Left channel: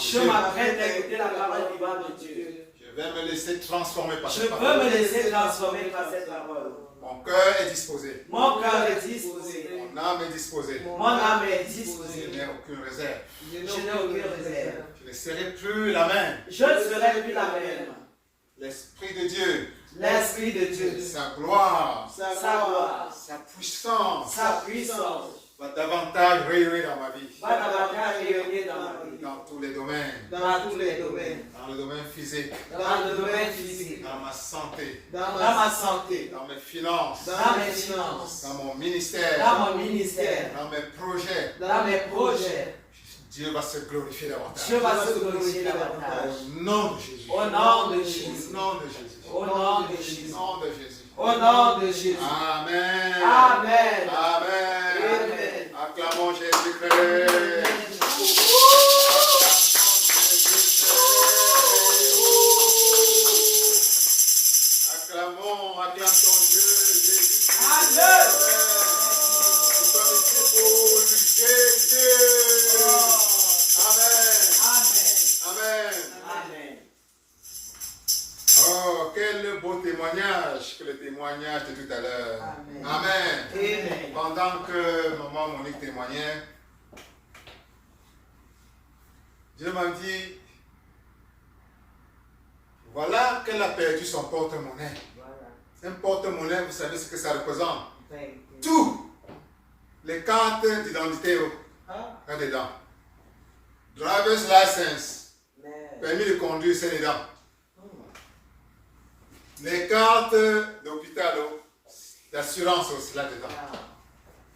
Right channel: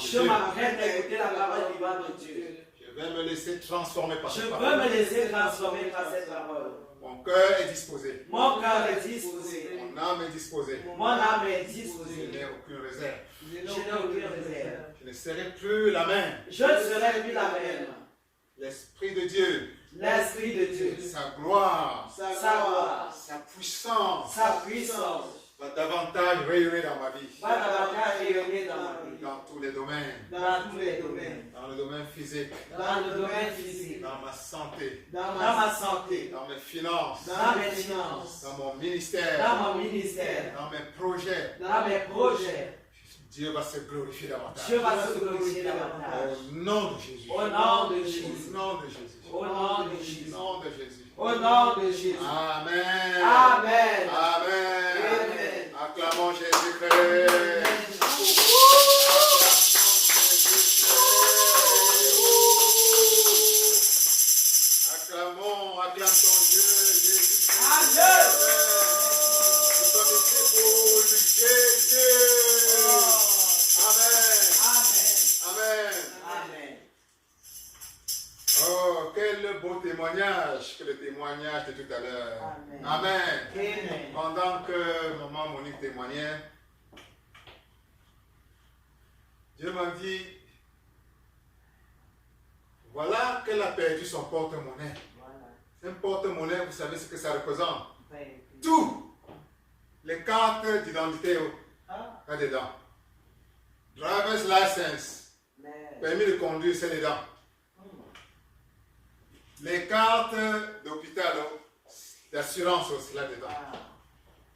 Je m'apprête à écouter la parole vivante de Dieu. Je vais me laisser transformer par cette Je parole. peux me laisser transformer par cette parole. Mon cœur est disposé. Mon cœur est disposé. Mon âme est disposée. Mon âme est Je disposée. n'ai aucune réserve. Je n'ai aucune réserve. Je ne serai plus la même. Je ne serai plus la même. L'Esprit de Dieu, L'Esprit de Dieu, sa gloire, sa gloire, sa puissance sa puissance va davantage rayonner dans ma vie. va davantage rayonner dans ma vie. Dans tous les domaines. Dans tous les domaines. Dans le domaine physique. Dans le domaine physique. Dans ma santé. Dans ma santé. Dans mes finances. Dans mes finances. Dans mon ministère. Dans mon ministère. Dans mes projets. Dans mes projets. Dieu va se glorifier davantage. Dieu va se glorifier davantage. Au nom de Jésus. Au nom de Jésus. Au nom de Jésus. Au nom de Jésus. Au nom de Jésus. Au nom de Jésus. Amen. Amen. Amen. Amen. Acclamons Jésus-Christ. Acclamons, acclame ton Dieu, Jésus. Amen. Nous sommes ici pour Jésus. Amen. Amen. Amen. Oh, quel beau témoignage que le témoignage de tout à l'heure. Amen. Amen. Amen. Pendant que maman Monique témoignait, Dieu m'a dit, voilà qu'elle a perdu son porte-monnaie. Voilà. Un porte-monnaie, vous savez ce que ça représente? Thank you. Tout. Les cartes d'identité Ah. là-dedans. Driver's license, Amen. permis de conduire, c'est dedans. Les cartes d'hôpital, d'assurance aussi là-dedans. Ah.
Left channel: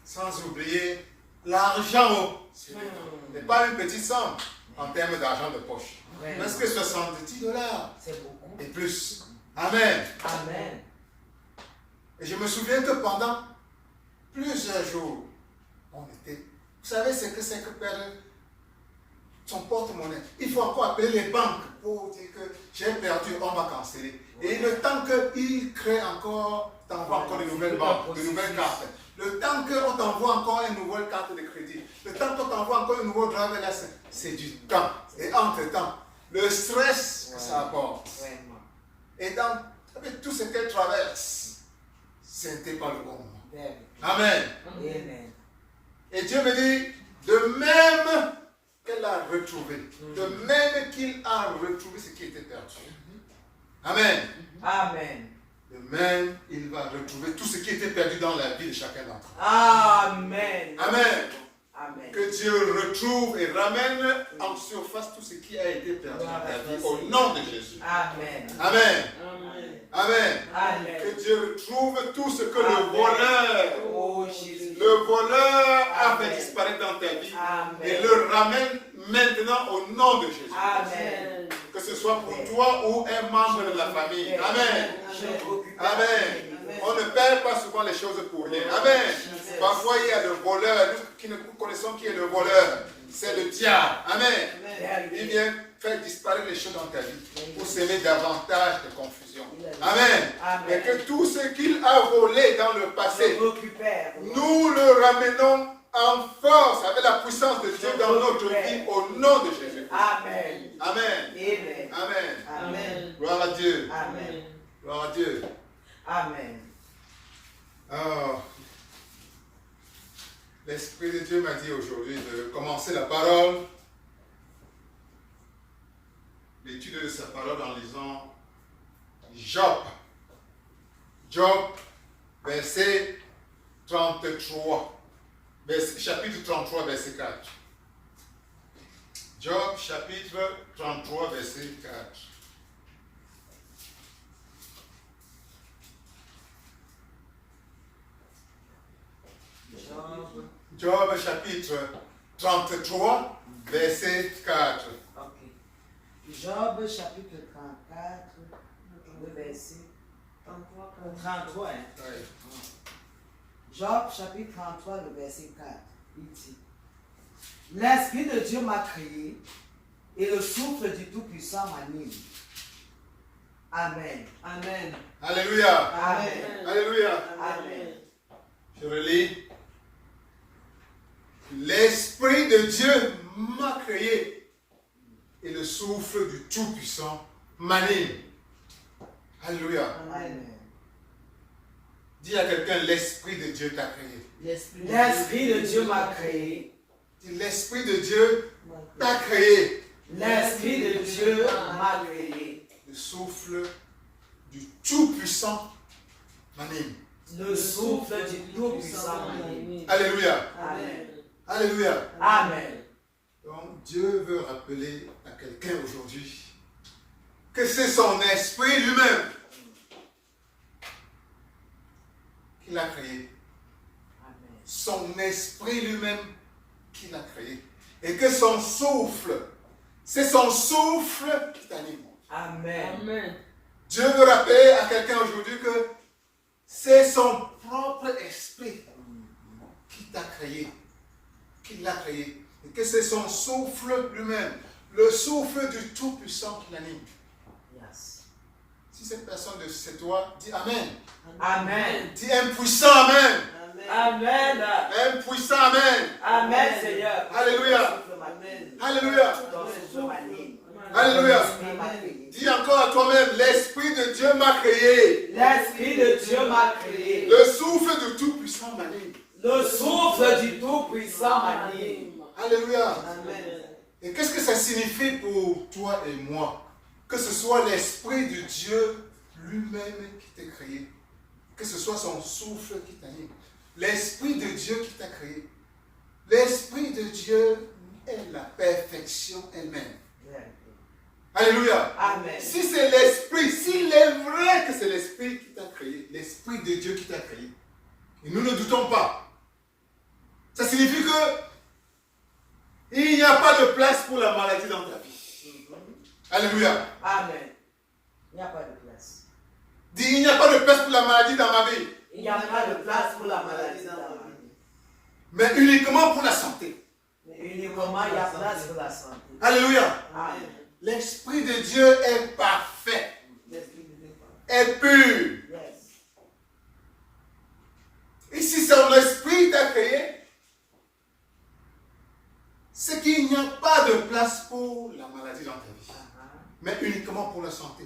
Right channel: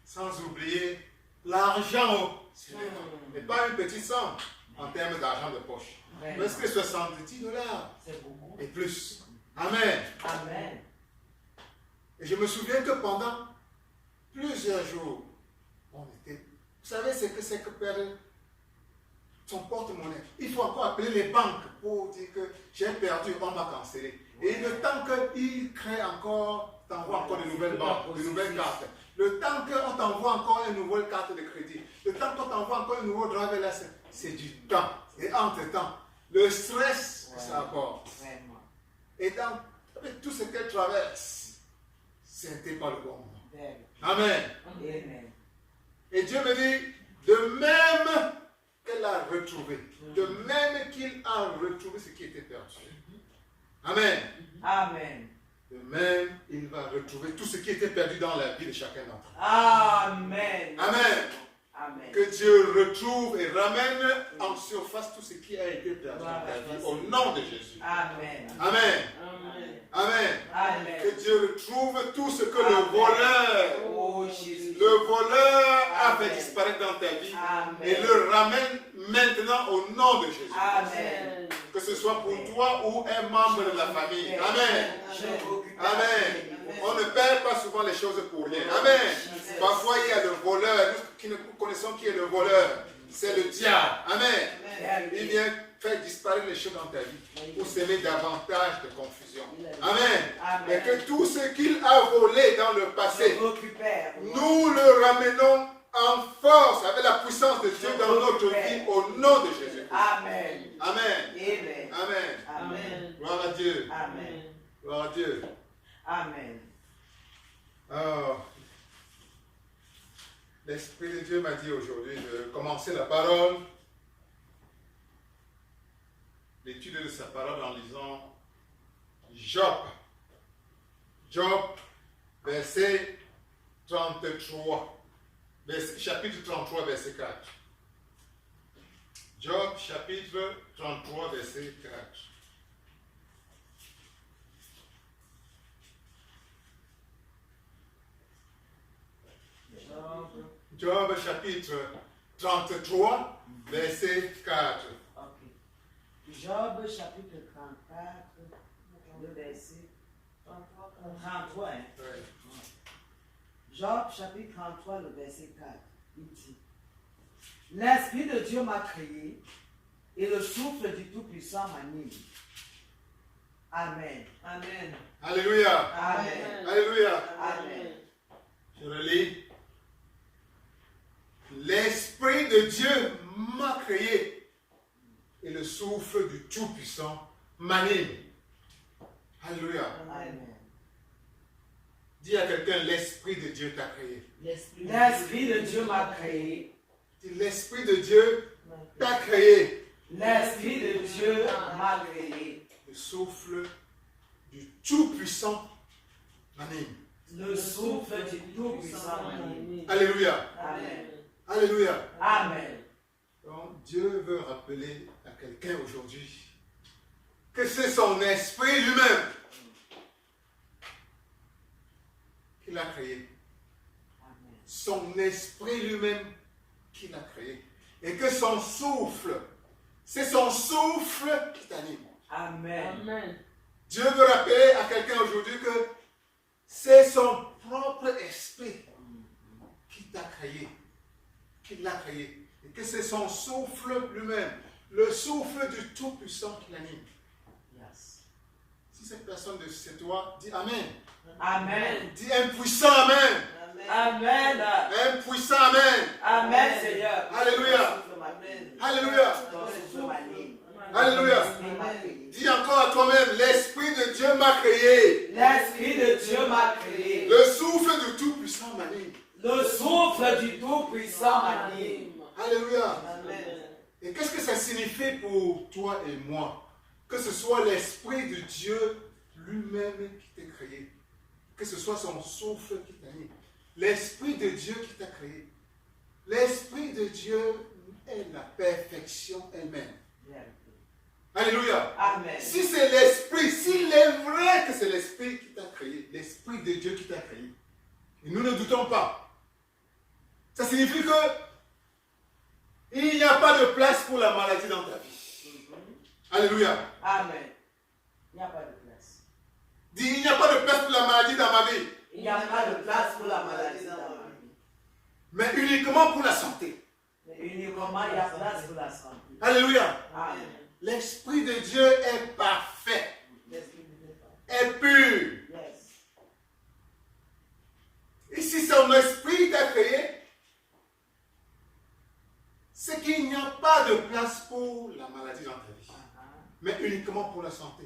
Sans oublier l'argent. Ce n'est pas une petite somme en termes d'argent de poche. Ouais. Mais que $70 C'est beaucoup. et plus. Amen. Amen. Et je me souviens que pendant plusieurs jours, on était. Vous savez ce que c'est que perdre son porte-monnaie? Il faut encore appeler les banques pour dire que j'ai perdu, on va canceller. Et le temps qu'ils créent encore, t'envoient encore de nouvelles banques, de nouvelles cartes. Le temps qu'on t'envoie encore une nouvelle carte de crédit. Le temps qu'on t'envoie encore une nouvelle driver license. C'est du temps. Et entre-temps, le stress que ça apporte. Vraiment. Et dans avec tout ce qu'elle traverse, c'était pas le bon moment. Very. Amen. Amen. Et Dieu me dit, de même qu'elle a retrouvé, de même qu'il a retrouvé ce qui était perdu. Amen. Amen. De même, il va retrouver tout ce qui était perdu dans la vie de chacun d'entre nous. Amen. Amen. Amen. Que Dieu retrouve et ramène en surface tout ce qui a été perdu dans ta vie. Au nom de Jésus. Amen. Amen. Amen. Amen. Amen. Que Dieu retrouve tout ce que le voleur, Oh Jésus. le voleur avait Amen. disparu dans ta vie Amen. et le ramène maintenant au nom de Jésus. Amen. Que ce soit pour toi ou un membre de la famille. Amen. Amen. On ne perd pas souvent les choses pour rien. Amen. Parfois il y a le voleur, nous connaissons qui est le voleur. C'est le diable. Amen. Il vient faire disparaître les choses dans ta vie pour s'aimer davantage de confusion. Amen. Et que tout ce qu'il a volé dans le passé, nous le ramenons en force avec la puissance de Dieu dans notre vie au nom de Jésus. Amen. Amen. Amen. Amen. Amen. Gloire à Dieu. Amen. Gloire à Dieu. Amen. Oh. L'Esprit de Dieu m'a dit aujourd'hui de commencer la parole, l'étude de sa parole en lisant Job. Job, verset 33. Chapitre 33, verset 4. Job, chapitre 33, verset 4. Job, chapitre 33, verset 4. Ok. Job, chapitre 34, le verset 33. Hein? Oui. Job, chapitre 33, le verset 4. Il dit: L'Esprit de Dieu m'a créé et le souffle du Tout-Puissant m'anime. Amen. Amen. Alléluia. Amen. Alléluia. Amen. Je relis. L'Esprit de Dieu m'a créé et le souffle du Tout-Puissant m'anime. Alléluia. Amen. Dis à quelqu'un, l'Esprit de Dieu t'a créé. L'Esprit de Dieu m'a créé. Dis, l'Esprit de Dieu t'a créé. L'Esprit de Dieu m'a créé. Le souffle du Tout-Puissant m'anime. Le souffle du Tout-Puissant m'anime. Alléluia. Amen. Alléluia. Amen. Donc Dieu veut rappeler à quelqu'un aujourd'hui que c'est son esprit lui-même qui l'a créé. Amen. Son esprit lui-même qui l'a créé. Et que son souffle, c'est son souffle qui t'anime. Amen. Amen. Dieu veut rappeler à quelqu'un aujourd'hui que c'est son propre esprit qui t'a créé, qui l'a créé. Et que c'est son souffle lui-même, le souffle du Tout-Puissant qui l'anime. Yes. Si cette personne c'est toi, dis Amen. Amen. Dis un puissant Amen. Amen. Un puissant Amen. Amen, Seigneur. Alléluia. Amen. Alléluia. Ton souffle m'anime. Alléluia. L'Esprit m'a créé. Dis encore à toi-même, l'Esprit de Dieu m'a créé. L'Esprit de Dieu m'a créé. Le souffle du Tout-Puissant m'anime. Le souffle du Tout-Puissant m'anime. Alléluia. Amen. Et qu'est-ce que ça signifie pour toi et moi? Que ce soit l'Esprit de Dieu lui-même qui t'a créé. Que ce soit son souffle qui t'anime. L'Esprit de Dieu qui t'a créé. L'Esprit de Dieu est la perfection elle-même. Alléluia. Amen. Si c'est l'Esprit, s'il est vrai que c'est l'Esprit qui t'a créé, l'Esprit de Dieu qui t'a créé, et nous ne doutons pas, ça signifie que il n'y a pas de place pour la maladie dans ta vie. Alléluia. Amen. Il n'y a pas de place. Dis, il n'y a pas de place pour la maladie dans ma vie, Il n'y a pas de place pour la maladie dans ma vie. mais uniquement pour la santé. Mais uniquement, il y a place pour la santé. Alléluia. Amen. L'Esprit de Dieu est parfait, L'Esprit de Dieu. est pur. Yes. Et si son esprit t'a créé, c'est qu'il n'y a pas de place pour la maladie dans ta vie, mais uniquement pour la santé.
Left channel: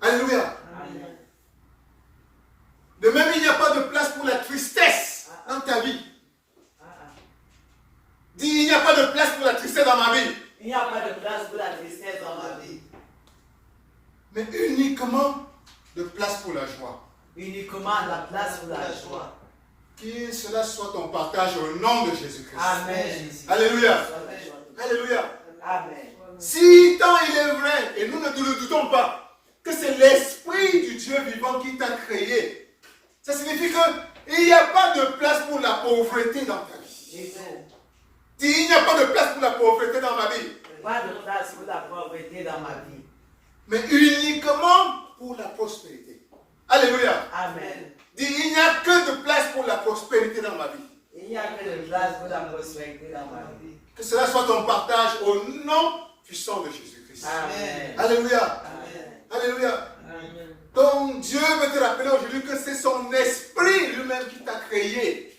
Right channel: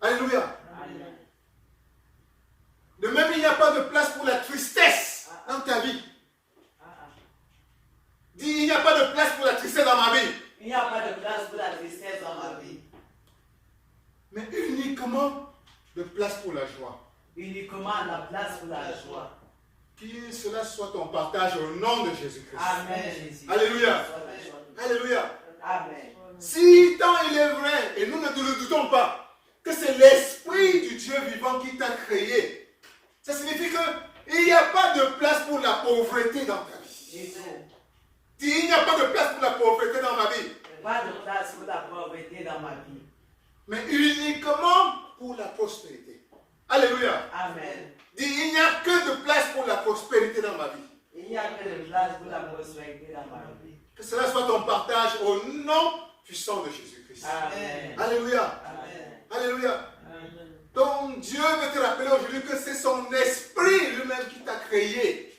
Alléluia. Amen. De même, il n'y a pas de place pour la tristesse dans ta vie. Dis, il n'y a pas de place pour la tristesse dans ma vie, Il n'y a pas de place pour la tristesse dans ma vie. mais uniquement de place pour la joie. Uniquement la place pour la joie. Que cela soit ton partage au nom de Jésus-Christ. Amen, Jésus. Alléluia. Amen. Alléluia. Amen. Si tant il est vrai, et nous ne le doutons pas, que c'est l'Esprit du Dieu vivant qui t'a créé, ça signifie qu'il n'y a pas de place pour la pauvreté dans ta vie. Dis, il n'y a pas de place pour la pauvreté dans ma vie, Pas de place pour la pauvreté dans ma vie. mais uniquement pour la prospérité. Alléluia. Amen. Dis, il n'y a que de place pour la prospérité dans ma vie. Il n'y a que de place pour la prospérité dans ma vie. Que cela soit ton partage au nom puissant de Jésus-Christ. Amen. Alléluia. Amen. Alléluia. Amen. Donc Dieu veut te rappeler aujourd'hui que c'est son esprit lui-même qui t'a créé.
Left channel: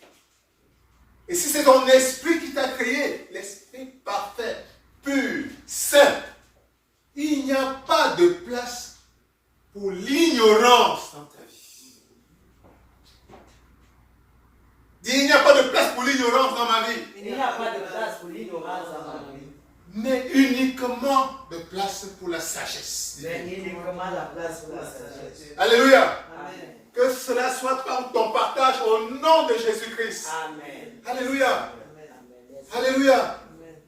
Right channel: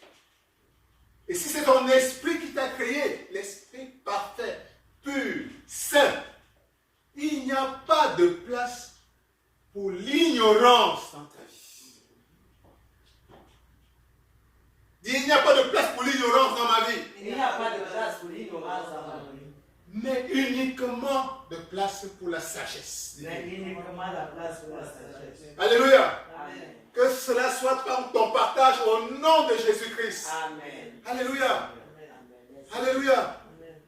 Et si c'est ton esprit qui t'a créé, l'esprit parfait, pur, saint, il n'y a pas de place pour l'ignorance dans ta vie. Dis, il n'y a pas de place pour l'ignorance dans ma vie, Il n'y a pas de place pour l'ignorance dans ma vie. mais uniquement de place pour la sagesse. Mais uniquement la place pour la sagesse. Alléluia. Amen. Que cela soit ton partage au nom de Jésus-Christ. Amen. Alléluia. Amen. Amen. Alléluia. Amen.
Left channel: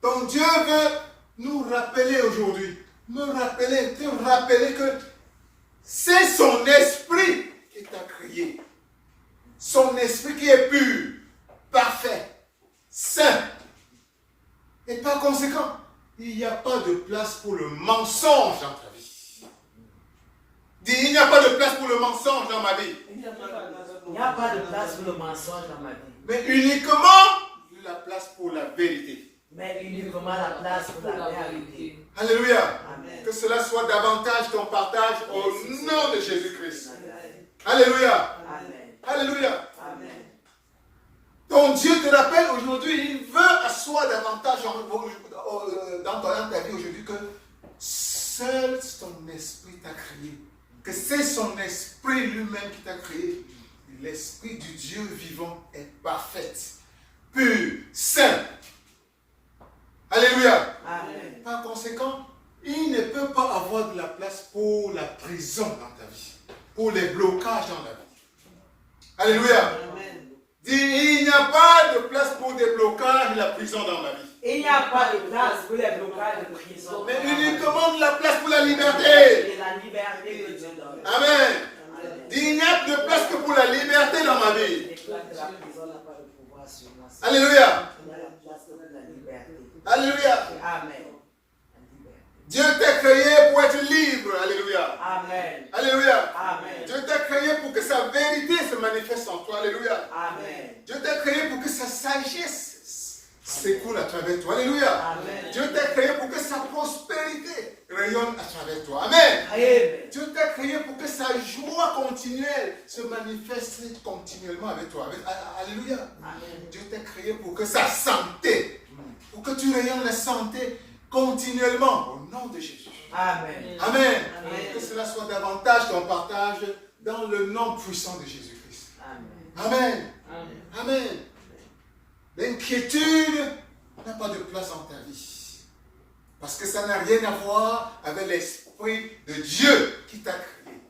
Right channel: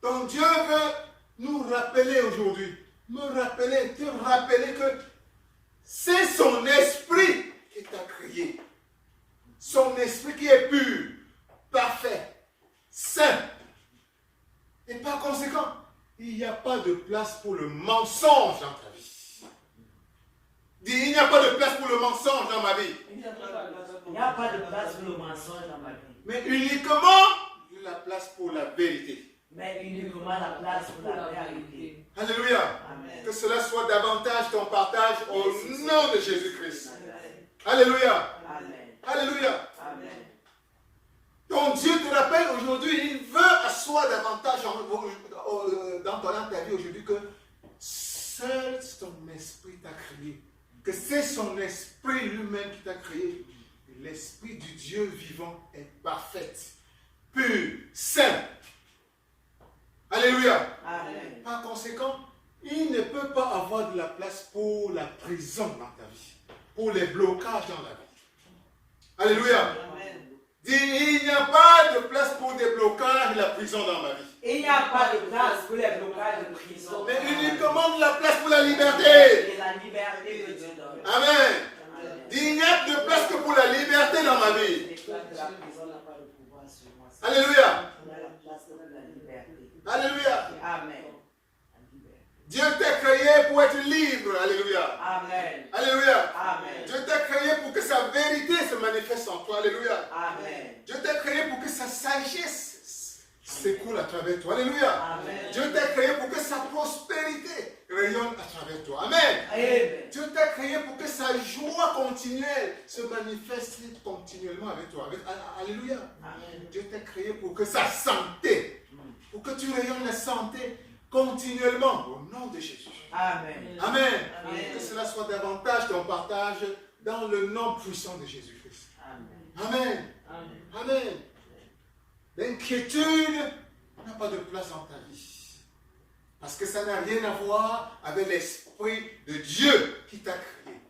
Donc Dieu veut nous rappeler aujourd'hui, te rappeler que c'est son esprit qui t'a créé. Son esprit qui est pur, parfait, saint. Et par conséquent, il n'y a pas de place pour le mensonge dans ta vie. Dis, il n'y a pas de place pour le mensonge dans ma vie, Il n'y a pas de place pour le mensonge dans ma vie. mais uniquement la place pour la vérité. Mais uniquement la place pour la vérité. Alléluia. Amen. Que cela soit davantage ton partage au nom de Jésus-Christ. Amen. Alléluia. Amen. Alléluia. Amen. Donc Dieu te rappelle aujourd'hui, il veut asseoir davantage dans dans ta vie aujourd'hui que seul ton esprit t'a créé. Que c'est son esprit lui-même qui t'a créé. L'esprit du Dieu vivant est parfait, pur, saint. Alléluia. Amen. Par conséquent, il ne peut pas avoir de la place pour la prison dans ta vie, pour les blocages dans la vie. Alléluia. Amen. Dis, il n'y a pas de place pour des blocages et la prison dans ma vie. Il n'y a pas de place pour les blocages de prison. Mais il demande la place pour la liberté. Et la liberté de Dieu dans ma vie. Amen. Dis, il n'y a de place que pour la liberté dans ma vie. La prison n'a pas de pouvoir sur moi. Alléluia. Il y a la place pour la liberté. Alléluia. Amen. Dieu t'a créé pour être libre. Alléluia. Amen. Alléluia. Amen. Dieu t'a créé pour que sa vérité se manifeste en toi. Alléluia. Amen. Dieu t'a créé pour que sa sagesse s'écoule à travers toi. Alléluia. Amen. Dieu t'a créé pour que sa prospérité rayonne à travers toi. Amen. Amen. Dieu t'a créé pour que sa joie continuelle se manifeste continuellement avec toi. Alléluia. Amen. Dieu t'a créé pour que sa santé, pour que tu rayonnes la santé continuellement au nom de Jésus. Amen. Amen. Amen. Que cela soit davantage ton partage dans le nom puissant de Jésus-Christ. Amen. Amen. Amen. Amen. L'inquiétude n'a pas de place dans ta vie. Parce que ça n'a rien à voir avec l'Esprit de Dieu qui t'a créé.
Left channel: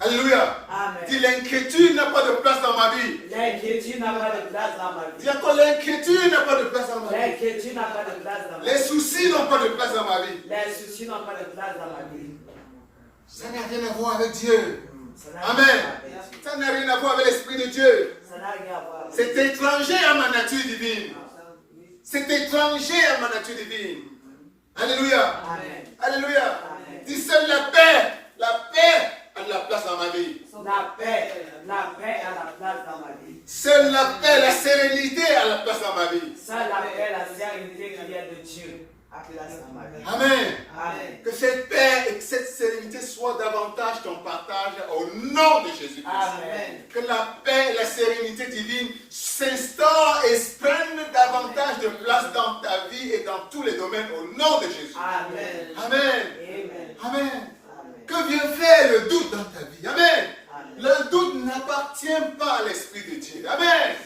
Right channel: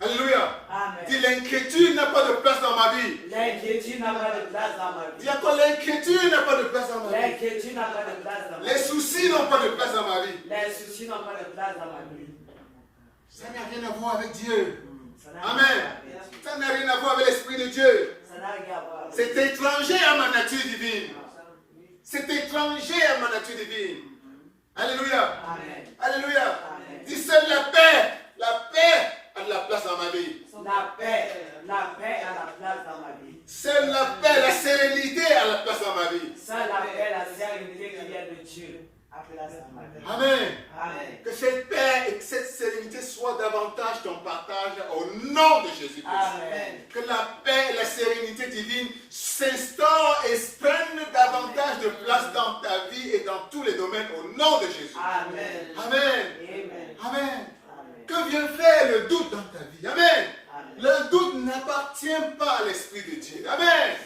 Alléluia. Amen. Dis, l'inquiétude n'a pas de place dans ma vie. L'inquiétude n'a pas de place dans ma vie. Dis encore, l'inquiétude n'a pas de place dans ma vie. L'inquiétude n'a pas de place dans ma vie. Les soucis n'ont pas de place dans ma vie. Les soucis n'ont pas de place dans ma vie. Ça n'a rien à voir avec Dieu. Ça n'a rien à Amen. voir avec Dieu. Ça n'a rien à voir avec l'Esprit de Dieu. Ça n'a rien à voir avec C'est Dieu. étranger à ma nature divine. C'est étranger à ma nature divine. Alléluia. Amen. Alléluia. Amen. Dis seule la paix a de la place dans ma vie. La paix a la place dans ma vie. Seule la paix, la sérénité a la place dans ma vie. Seule la paix, la sérénité qui vient de Dieu a place dans ma vie. Amen. Amen. Que cette paix et cette sérénité soient davantage ton partage au nom de Jésus-Christ. Amen. Que la paix et la sérénité divine s'instaurent et prennent davantage de place dans ta vie et dans tous les domaines au nom de Jésus. Amen. Amen. Amen. Amen. Que vient faire le doute dans ta vie? Amen. Le doute n'appartient pas à l'Esprit de Dieu. Amen.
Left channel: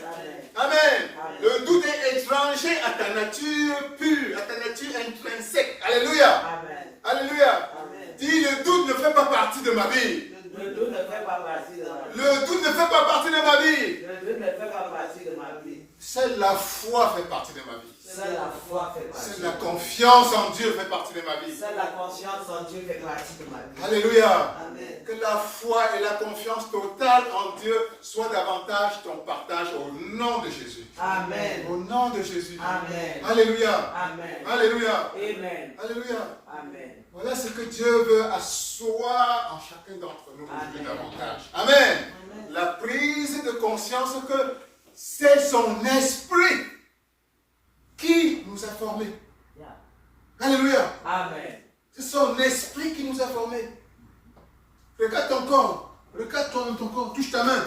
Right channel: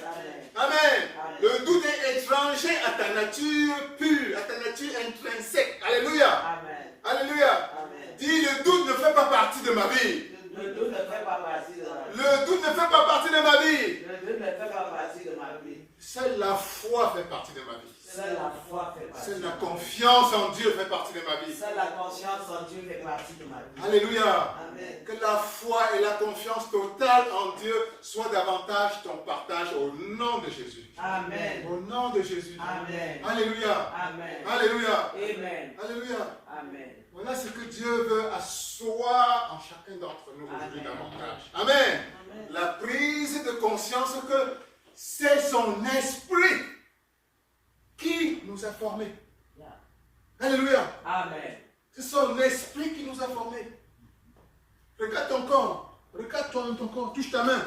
Amen. Le doute est étranger à ta nature pure, à ta nature intrinsèque. Alléluia. Amen. Alléluia. Amen. Dis, le doute ne fait pas partie de ma vie. Le doute ne fait pas partie de ma vie. Le doute ne fait pas partie de ma vie. Le doute ne fait pas partie de ma vie. Seule la foi fait partie de ma vie. Seule la foi fait partie. Seule la confiance en Dieu fait partie de ma vie. Seule la conscience en Dieu fait partie de ma vie. Alléluia. Amen. Que la foi et la confiance totale en Dieu soient davantage ton partage au nom de Jésus. Amen. Au nom de Jésus. Amen. Alléluia. Amen. Alléluia. Amen. Alléluia. Amen. Voilà ce que Dieu veut asseoir en chacun d'entre nous aujourd'hui Amen. davantage. Amen. La prise de conscience que c'est son esprit qui nous a formés. Yeah. Alléluia. Amen. C'est son esprit qui nous a formés. Regarde ton corps. Regarde ton corps. Touche ta main.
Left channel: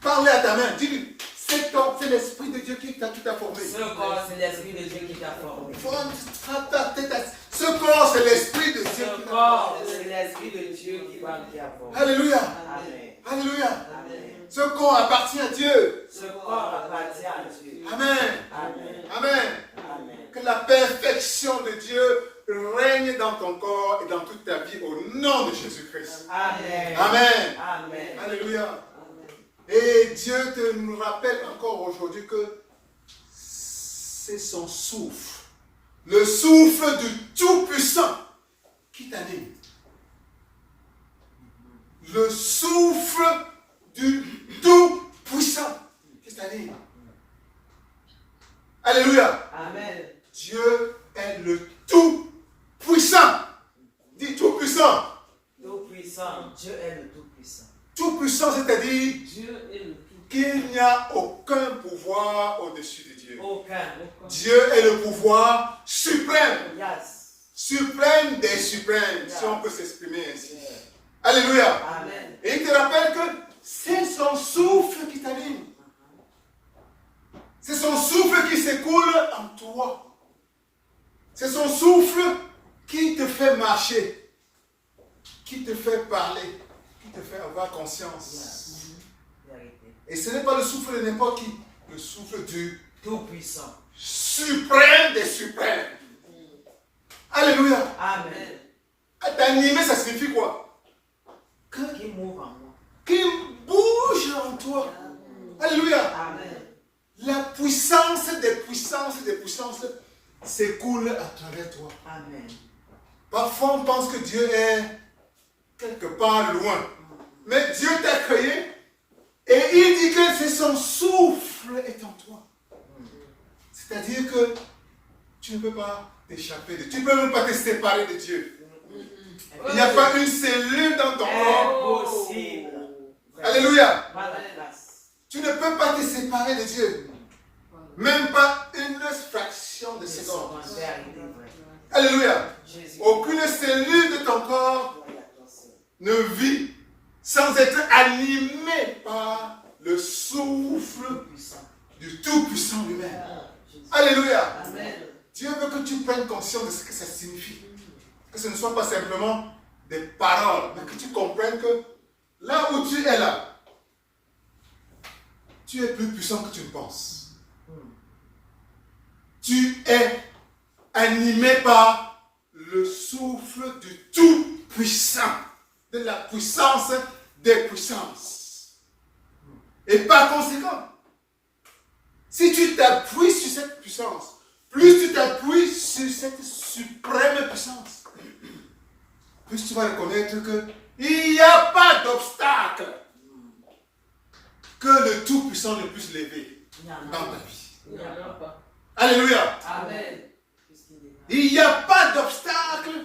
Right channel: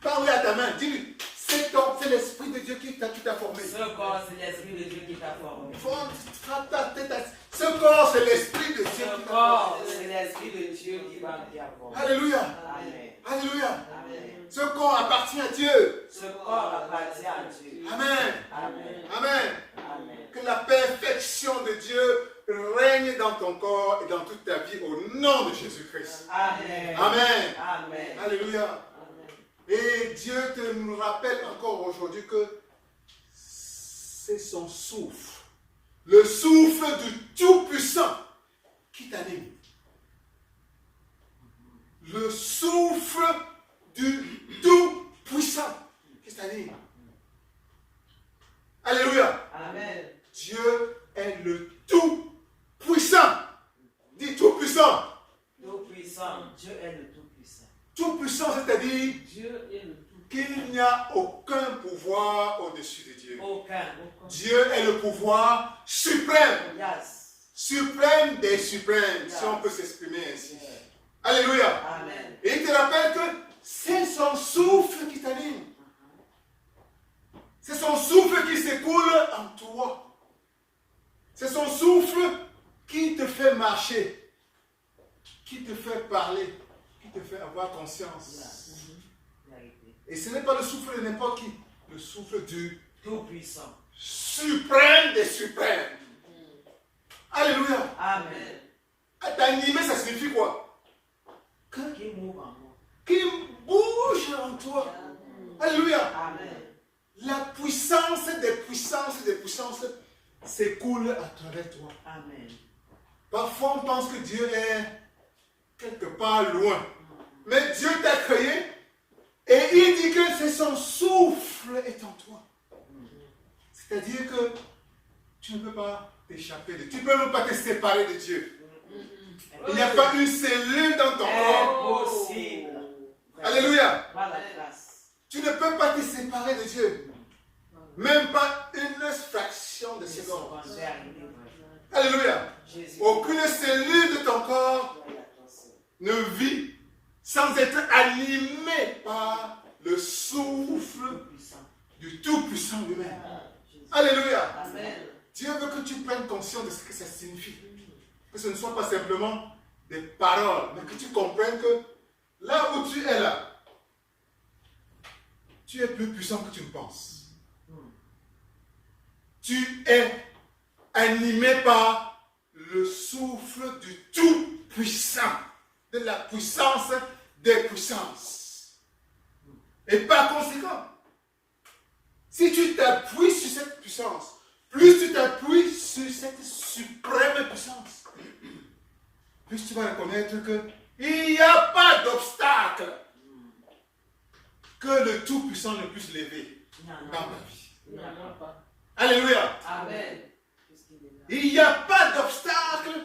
Parle à ta main. Dis-lui, c'est l'esprit de Dieu qui t'a formé. Ce corps, c'est l'esprit de Dieu qui t'a formé. Frappe ta tête. Ce corps, c'est l'esprit de Dieu Ce qui t'a corps, formé. c'est l'esprit de Dieu qui t'a formé. Alléluia. Amen. Alléluia. Amen. Ce corps appartient à Dieu. Ce corps appartient à Dieu. Amen. Amen. Amen. Amen. Que la perfection de Dieu règne dans ton corps et dans toute ta vie au nom de Jésus-Christ. Amen. Amen. Amen. Alléluia. Et Dieu nous rappelle encore aujourd'hui que c'est son souffle, le souffle du Tout-Puissant qui t'anime. Le souffle du Tout-Puissant qui t'anime. Alléluia. Amen. Dieu est le Tout-Puissant. Dis Tout-Puissant. Tout-puissant. Dieu est le Tout-puissant. Tout-Puissant, c'est-à-dire Dieu est le Tout-puissant. qu'il n'y a aucun pouvoir au-dessus de Dieu. Aucun. Dieu est le pouvoir suprême. Yes. Suprême des suprêmes, si on peut s'exprimer ainsi. Yeah. Alléluia. Amen. Et il te rappelle que c'est son souffle qui t'anime. C'est son souffle qui s'écoule en toi. C'est son souffle qui te fait marcher, qui te fait parler, qui te fait avoir conscience. Et ce n'est pas le souffle de n'importe qui, le souffle du Tout-Puissant. Suprême des suprêmes. Alléluia. Amen. T'animer, ça signifie quoi? Qui move en moi. Qui bouge en toi. Alléluia. Amen. La puissance des puissances s'écoule à travers toi. Amen. Parfois, on pense que Dieu est quelque part loin. Mais Dieu t'a créé et il dit que c'est son souffle est en toi. C'est-à-dire que tu ne peux pas t'échapper de Dieu. Tu ne peux même pas te séparer de Dieu. Il n'y a pas une cellule dans ton corps. Impossible. Alléluia. Pas la place. Tu ne peux pas te séparer de Dieu. Même pas une fraction de seconde. Alléluia. Aucune cellule de ton corps ne vit sans être animée par le souffle du Tout-Puissant lui-même. Alléluia. Dieu veut que tu prennes conscience de ce que ça signifie. Que ce ne soit pas simplement des paroles, mais que tu comprennes que là où tu es là, tu es plus puissant que tu ne penses. Tu es animé par le souffle du Tout-Puissant, de la puissance des puissances. Et par conséquent, si tu t'appuies sur cette puissance, plus tu t'appuies sur cette suprême puissance, plus tu vas reconnaître qu'il n'y a pas d'obstacle que le Tout-Puissant ne puisse lever dans ta vie. Alléluia. Amen. Il n'y a pas d'obstacle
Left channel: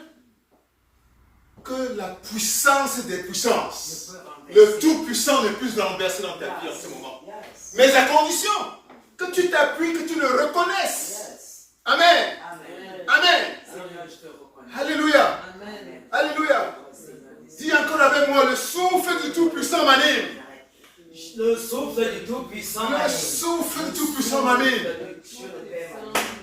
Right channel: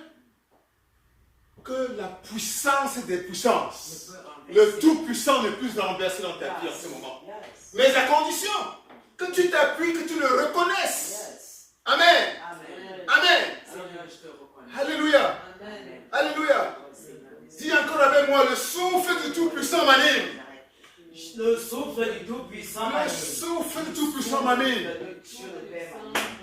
que la puissance des puissances, le Tout-Puissant ne puisse renverser dans ta vie en ce moment. Mais à condition que tu t'appuies, que tu le reconnaisses. Amen. Amen. Alléluia. Alléluia. Dis encore avec moi, le souffle du Tout-Puissant m'anime. Le souffle du Tout-Puissant Le souffle du Tout-Puissant m'anime.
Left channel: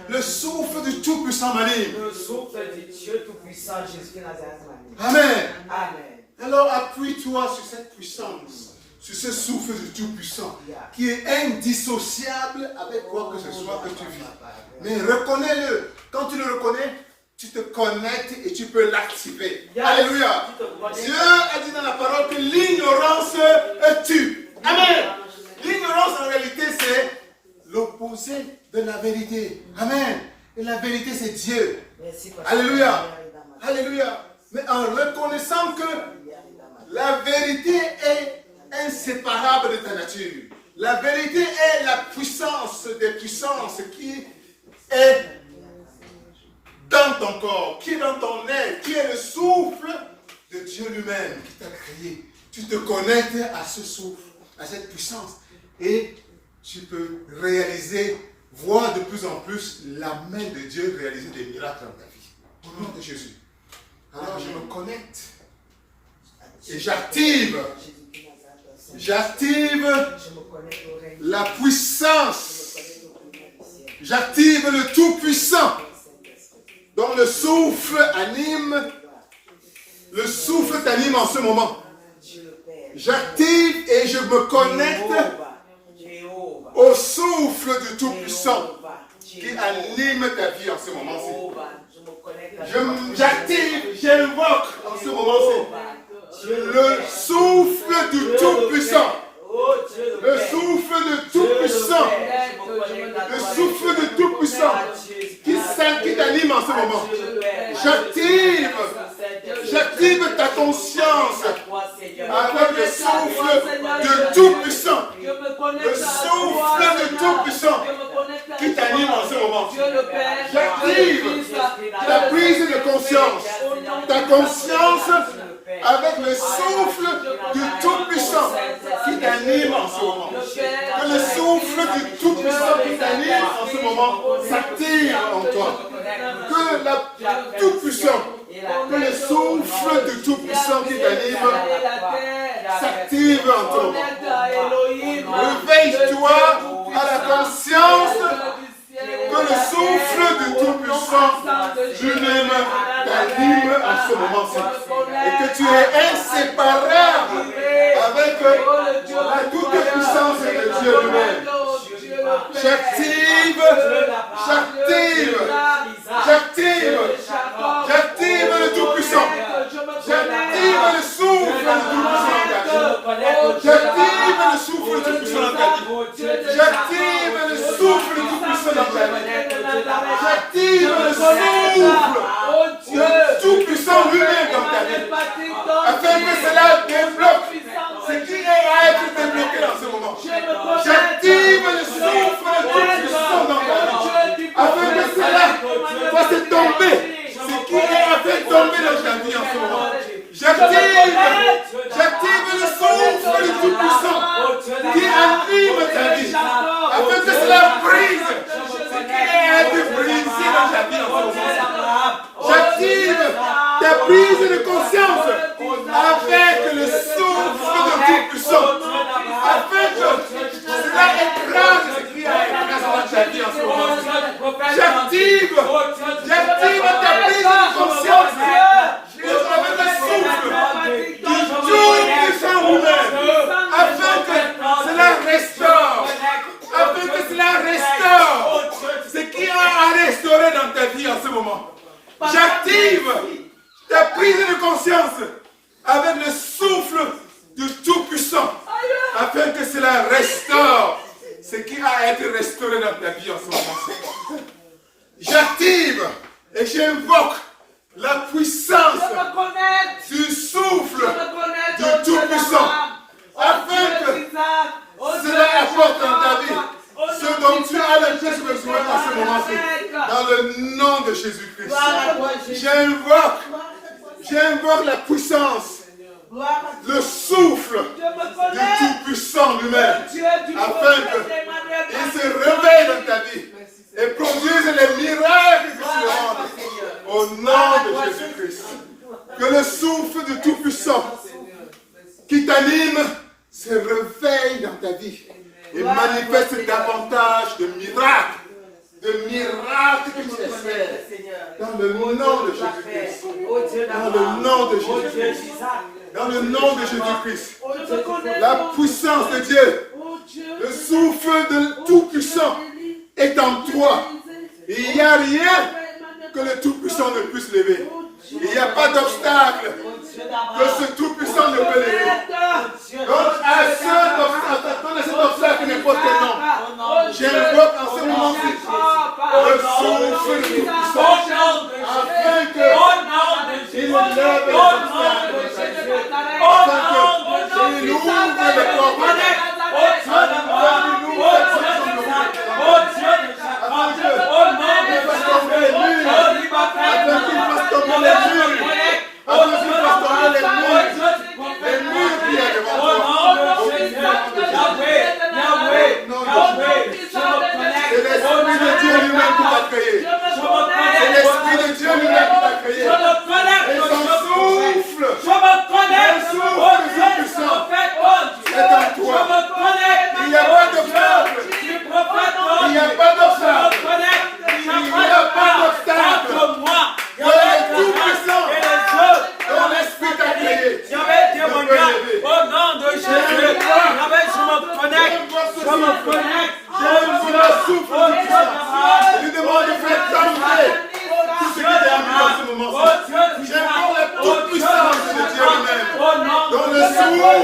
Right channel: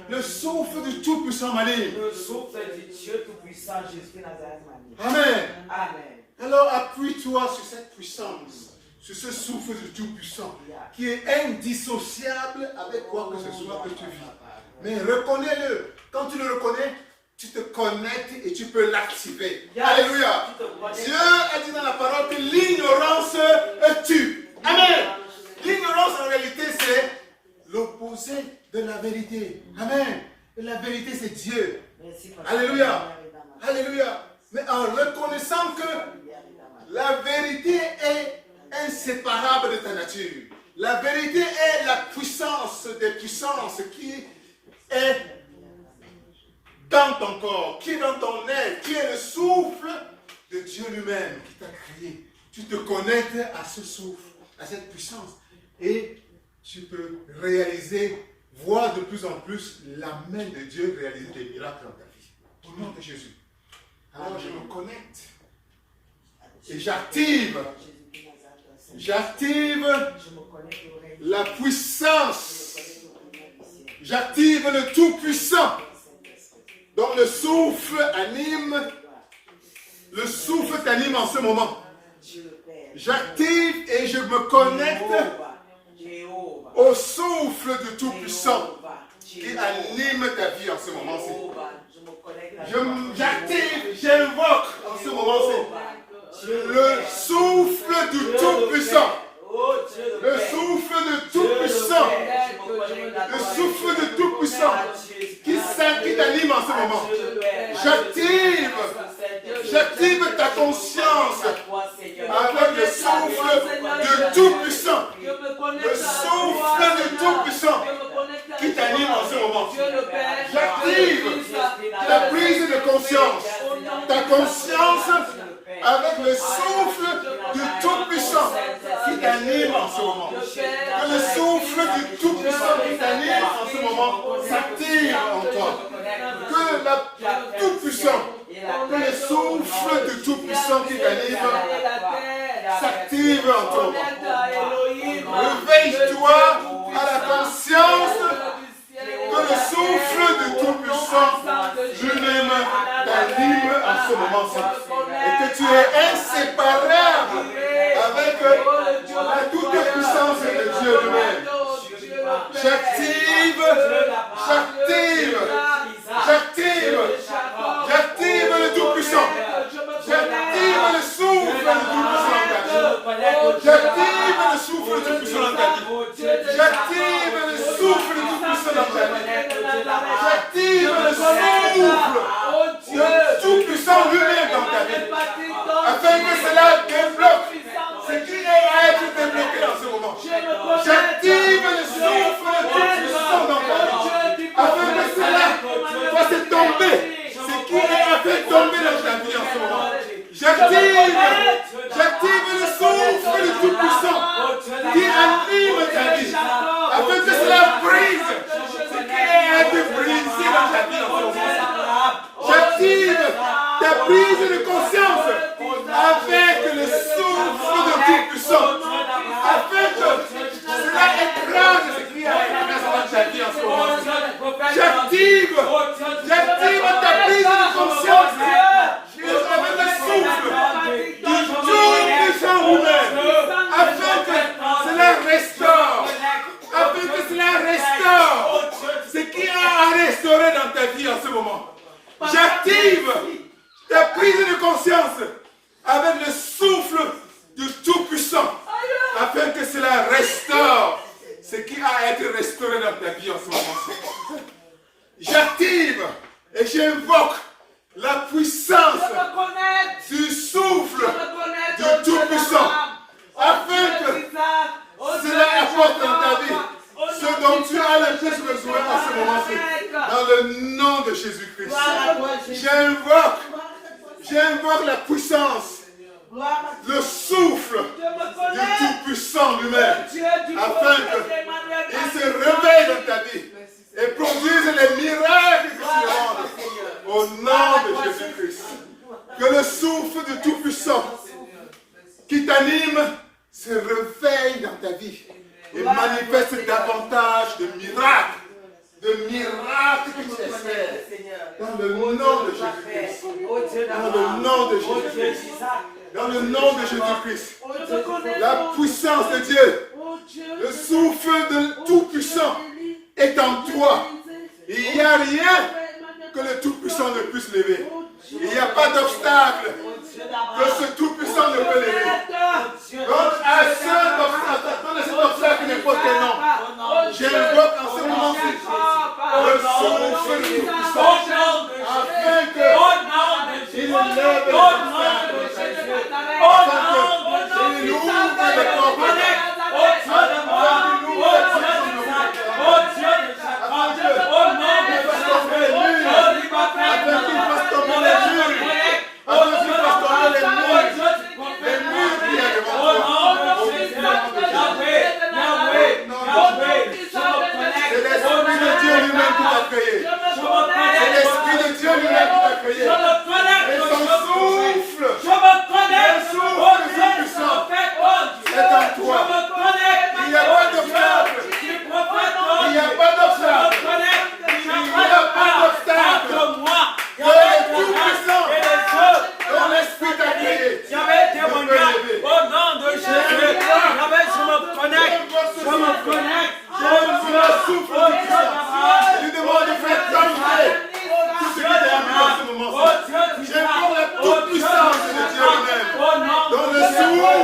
Le souffle du Tout-Puissant m'anime. Le souffle du Dieu Tout-Puissant, Jésus Nazareth m'anime. Amen. Amen. Alors appuie-toi sur cette puissance, sur ce souffle du Tout-Puissant, qui est indissociable avec quoi que ce soit que tu vis. Mais reconnais-le. Quand tu le reconnais, tu te connectes et tu peux l'activer. Alléluia. Dieu a dit dans la parole que l'ignorance tue. Amen. L'ignorance en réalité c'est l'opposé de la vérité. Amen. Et la vérité c'est Dieu. Alléluia. Alléluia. Mais en reconnaissant que la vérité est inséparable de ta nature. La vérité est la puissance des puissances qui est dans ton corps, qui est dans ton être, qui est le souffle de Dieu lui-même qui t'a créé. Tu te connectes à ce souffle, à cette puissance et tu peux réaliser, voir de plus en plus la main de Dieu réaliser des miracles dans ta vie. Au nom de Jésus. Alors je me connecte et j'active la puissance, j'active le Tout-Puissant dont le souffle anime, le souffle t'anime en ce moment. J'active et je me connecte au souffle du Tout-Puissant qui anime ta vie en ce moment-ci. J'active, j'invoque en ce moment-ci le souffle du Tout-Puissant. Le souffle du Tout-Puissant. Le souffle du Tout-Puissant qui t'anime en ce moment. J'active ta conscience avec le souffle du Tout-Puissant. Le souffle du Tout-Puissant qui t'anime en ce moment. J'active ta prise de conscience. Ta conscience avec le souffle du Tout-Puissant qui t'anime en ce moment. Que le souffle du Tout-Puissant qui t'anime en ce moment s'active en toi. Que le Tout-Puissant, que le souffle du Tout-Puissant qui t'anime s'active en toi. Réveille-toi à la conscience que le souffle du Tout-Puissant lui-même t'anime en ce moment-ci. Et que tu es inséparable avec toute la puissance de Dieu lui-même. J'active le Tout-Puissant. J'active le souffle du Tout-Puissant. J'active le souffle du Tout-Puissant dans ta vie. J'active le souffle du Tout-Puissant dans ta vie. J'active le souffle du Tout-Puissant lui-même dans ta vie. Afin que cela débloque ce qui est à être débloqué dans ce moment. J'active le souffle du Tout-Puissant dans ta vie. Afin que cela fasse tomber ce qui est à faire tomber dans ta vie en ce moment. J'active le souffle du Tout-Puissant qui anime ta vie. Afin que cela brise ce qui est à être brisé dans ta vie en ce moment. J'active ta prise de conscience avec le souffle du Tout-Puissant. Afin que cela écrase ce qui est à être dans ta vie en ce moment. J'active ta prise de conscience avec le souffle du Tout-Puissant vous-même. Afin que cela restaure. Afin que cela restaure ce qui a à restaurer dans ta vie en ce moment. J'active ta prise de conscience avec le souffle du Tout-Puissant afin que cela restaure ce qui a à être restauré dans ta vie en ce moment. J'active et j'invoque la puissance du souffle du Tout-Puissant afin que cela apporte dans ta vie ce dont tu as le plus besoin en ce moment-ci. Dans le nom de Jésus-Christ. J'invoque la puissance, le souffle du Tout-Puissant lui-même, afin qu'il se réveille dans ta vie et produise les miracles que tu rends. Au nom de Jésus-Christ. Que le souffle du Tout-Puissant qui t'anime se réveille dans ta vie et manifeste davantage de miracles. De miracles que tu espères. Dans le nom de Jésus-Christ. Dans le nom de Jésus-Christ. Dans le nom de Jésus-Christ. La puissance de Dieu. Le souffle de Tout-Puissant est en toi. Il n'y a rien que le Tout-Puissant ne puisse lever. Il n'y a pas d'obstacle que ce Tout-Puissant ne peut lever. Donc, à cet obstacle n'importe quel nom, j'invoque en ce moment-ci le souffle du Tout-Puissant afin qu'il lève les obstacles, afin qu'il ouvre les portes, C'est l'Esprit de Dieu lui-même qui t'a créé. Et son souffle, le souffle puissant est en toi. Il n'y a pas d'obstacle. Il n'y a pas d'obstacle. Il n'y a pas d'obstacle. Il y a le tout-puissant. Ton esprit t'a créé. J'avais témoignage au nom de Jésus. Je me connecte. Le souffle puissant. Je lui demande de faire tomber tout ce qui est en ce moment. J'invoque la toute puissance de Dieu lui-même. Dans le souffle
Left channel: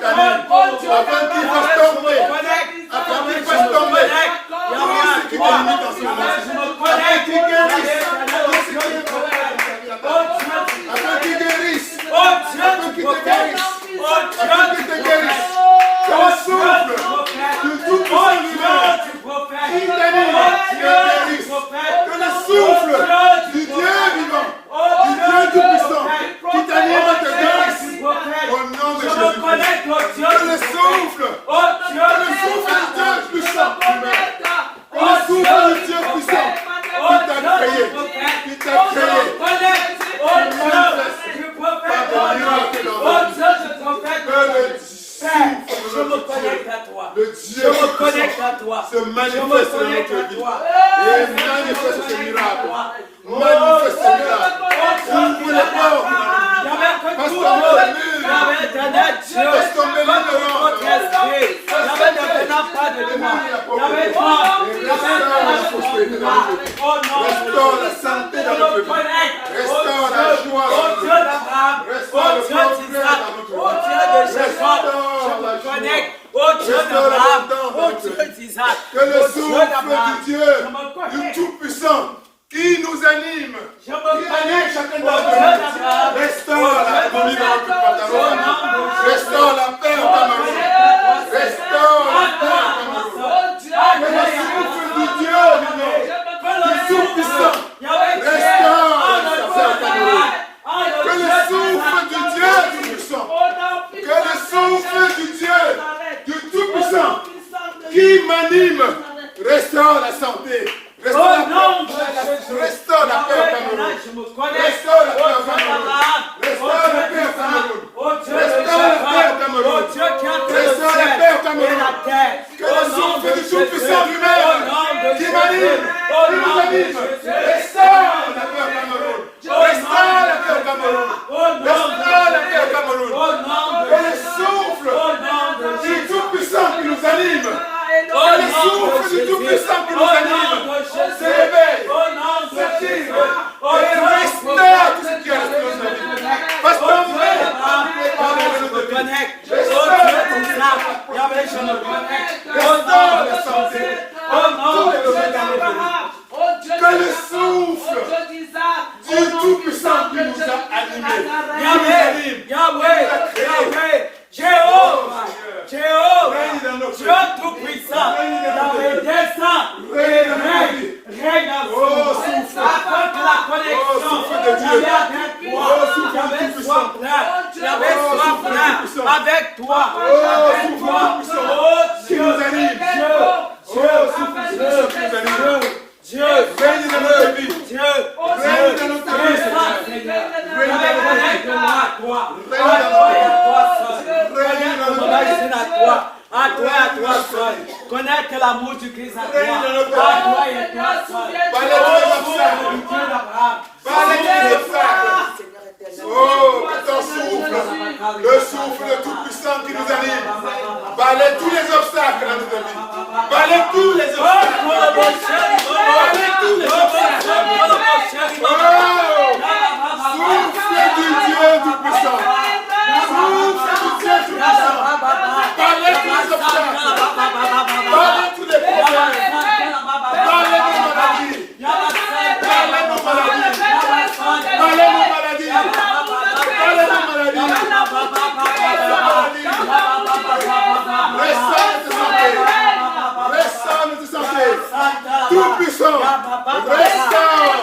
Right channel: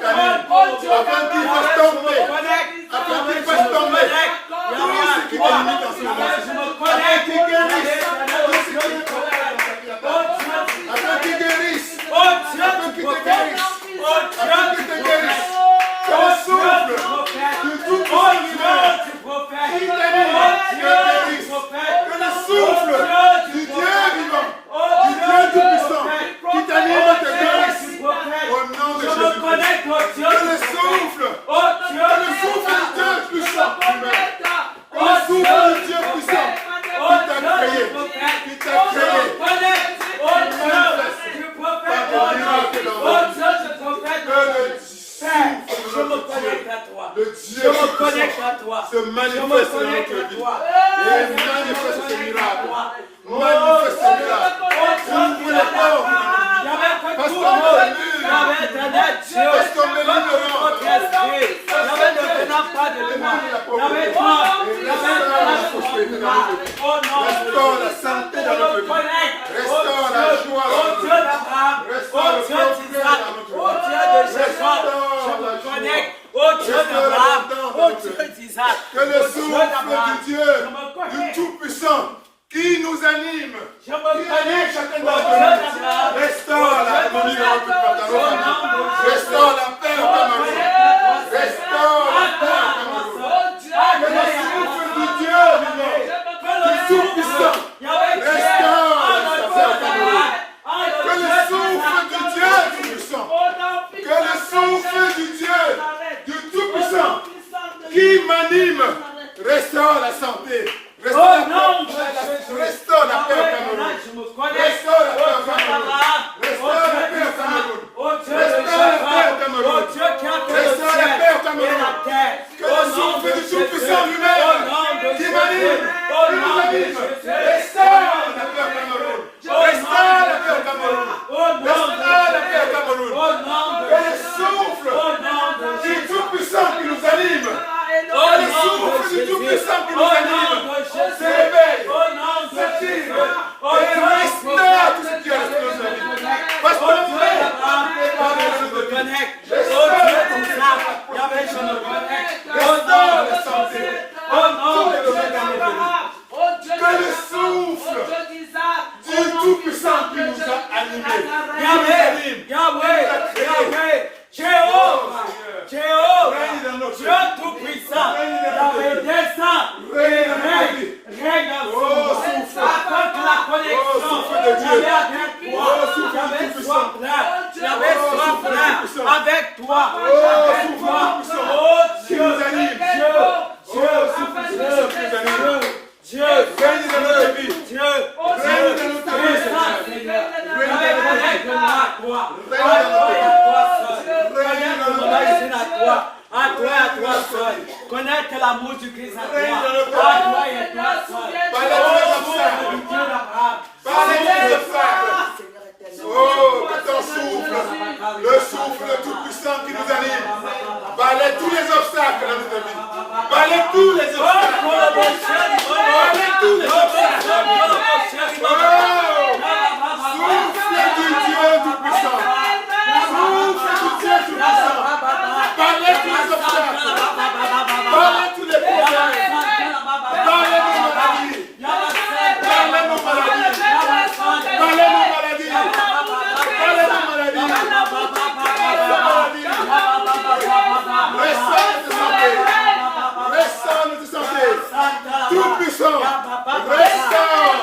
t'anime. Afin qu'il fasse tomber. Afin qu'il fasse tomber. Tout ce qui t'anime dans ce moment. Afin qu'il guérisse. Afin qu'il guérisse. Afin qu'il te guérisse. Afin qu'il te guérisse. Que le souffle du tout-puissant lui-même qui t'anime, qui te guérisse. Que le souffle du Dieu vivant, du Dieu tout-puissant qui t'anime et te guérisse. Au nom de Jésus-Christ. Que le souffle du Dieu puissant lui-même. Que le souffle du Dieu puissant qui t'a créé. Qui t'a créé. Le Dieu se manifeste dans notre vie et la santé dans notre vie. Restaure la joie dans notre vie. Restaure le progrès dans notre vie. Restaure la joie. Restaure l'abondance dans notre vie. Que le souffle du Dieu, du Tout-Puissant, qui nous anime, qui anime chacun d'entre nous, restaure l'harmonie dans notre pantalon, restaure la paix en Cameroun, restaure la paix en Cameroun. Que le souffle du Dieu, du Tout-Puissant, restaure la paix en Cameroun. Que le souffle du Dieu du Puissant, que le souffle du Dieu du Tout-Puissant, qui m'anime, restaure la santé. Restaure la paix au Cameroun. Restaure la paix au Cameroun. Restaure la paix au Cameroun. Restaure la paix au Cameroun. Restaure la paix au Cameroun. Que le souffle du Tout-Puissant lui-même qui m'anime, restaure la paix au Cameroun. Restaure la paix au Cameroun. Restaure la paix au Cameroun. Que le souffle du Tout-Puissant qui nous anime, que le souffle du Tout-Puissant qui nous anime, se réveille, s'active, et restaure tout ce qui est resté dans notre vie. Parce qu'on veut restaure la santé, que le souffle du Tout-Puissant qui nous a animés, Yahweh, Jéhovah, Dieu Tout-Puissant, dans les desseins, règne en souffle, avec la connexion, j'avais avec toi, j'avais soif là, avec toi, qui nous anime, Dieu, règne dans notre vie, Dieu, règne dans notre vie, à toi seul. Connaître l'amour du Christ à toi. À toi et à toi seul. Oh, que ton souffle, le souffle tout-puissant qui nous anime, balaie tous les obstacles dans notre vie. Balaie tous les obstacles. Balaie tous les obstacles. Souffle du Dieu tout-puissant. Souffle du Dieu tout-puissant. Balaie tous les obstacles. Balaie tous les problèmes. Balaie nos maladies. Balaie nos maladies. Balaie nos maladies. Restaure notre santé. Tout puissant. Restaure.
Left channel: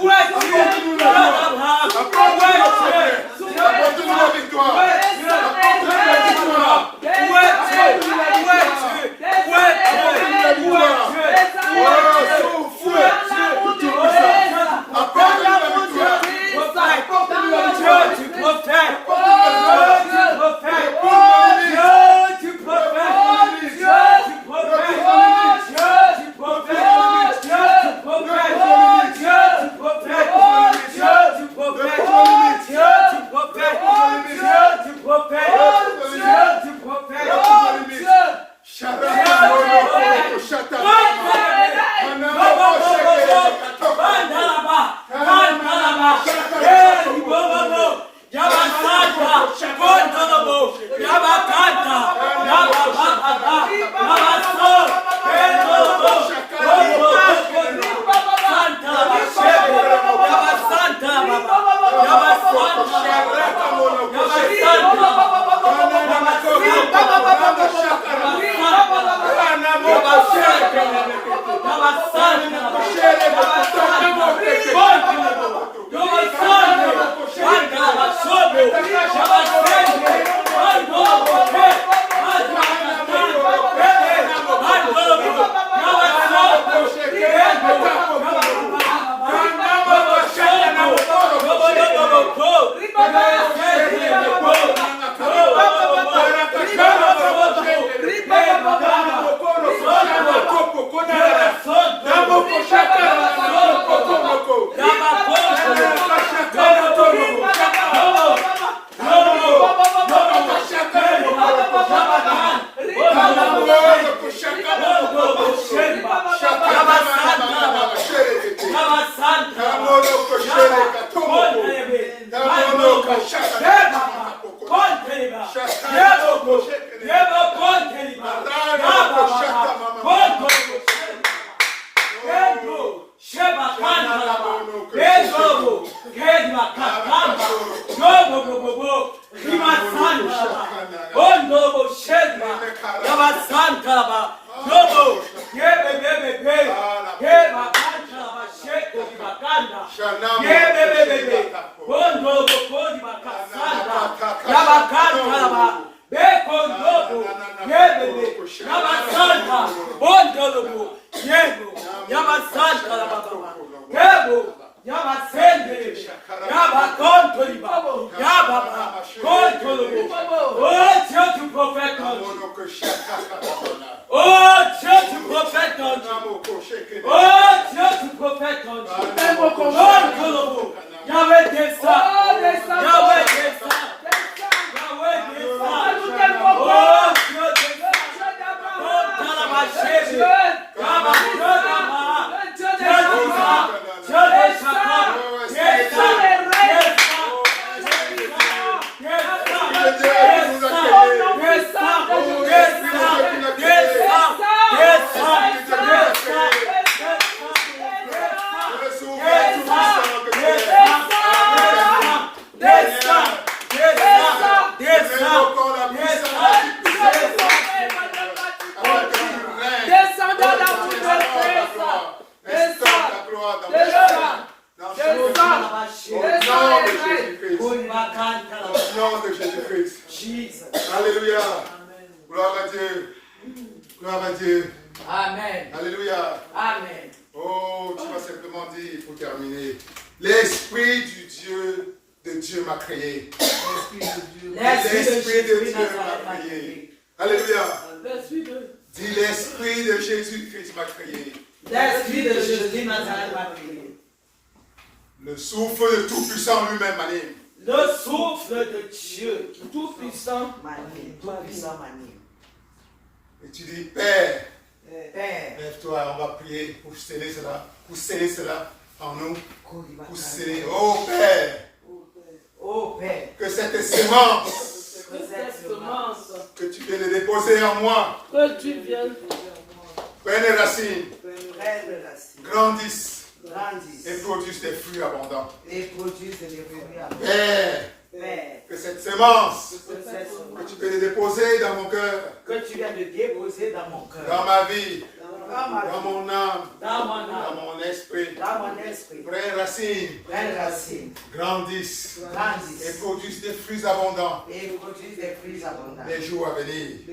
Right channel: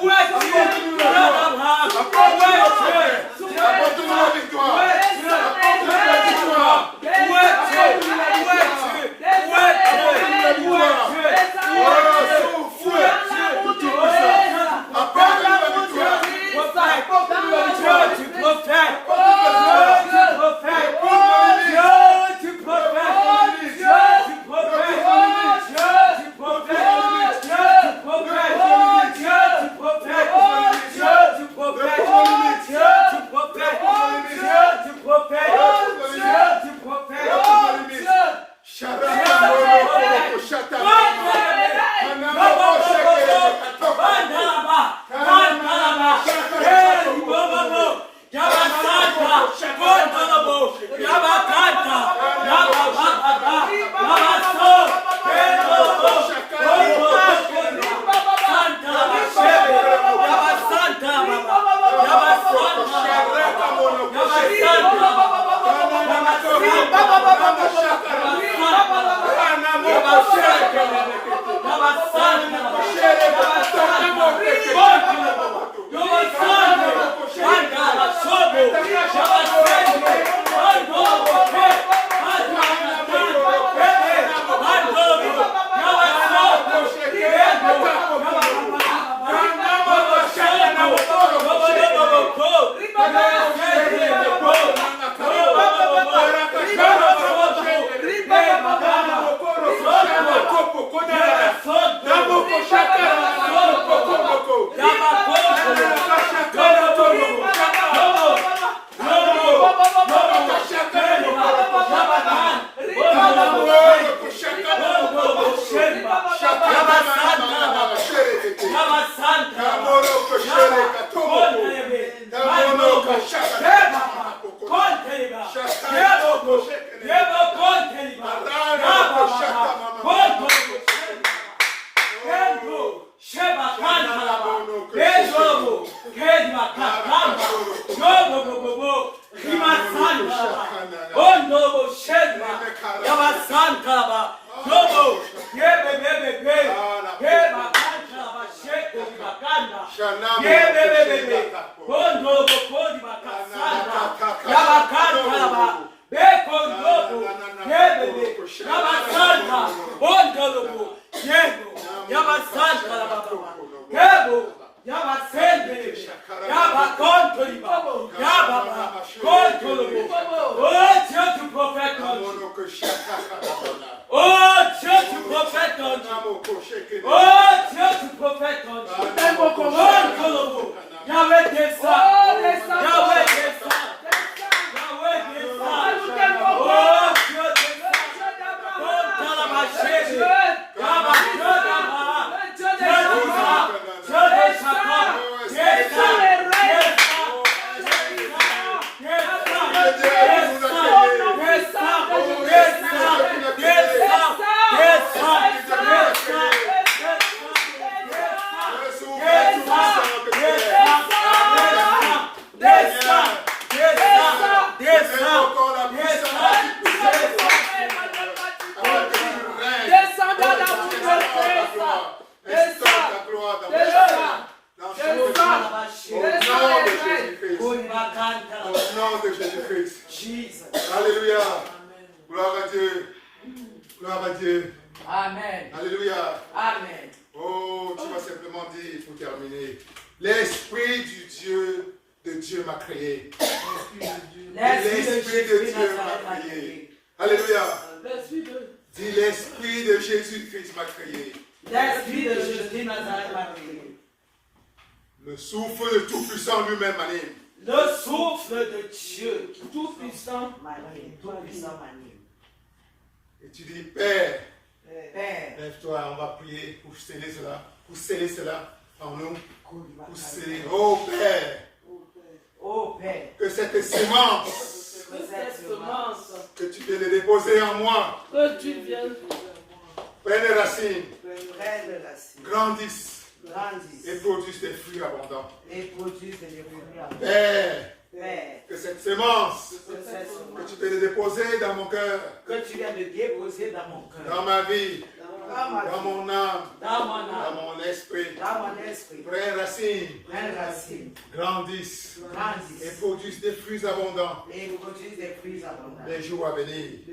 Où es-tu?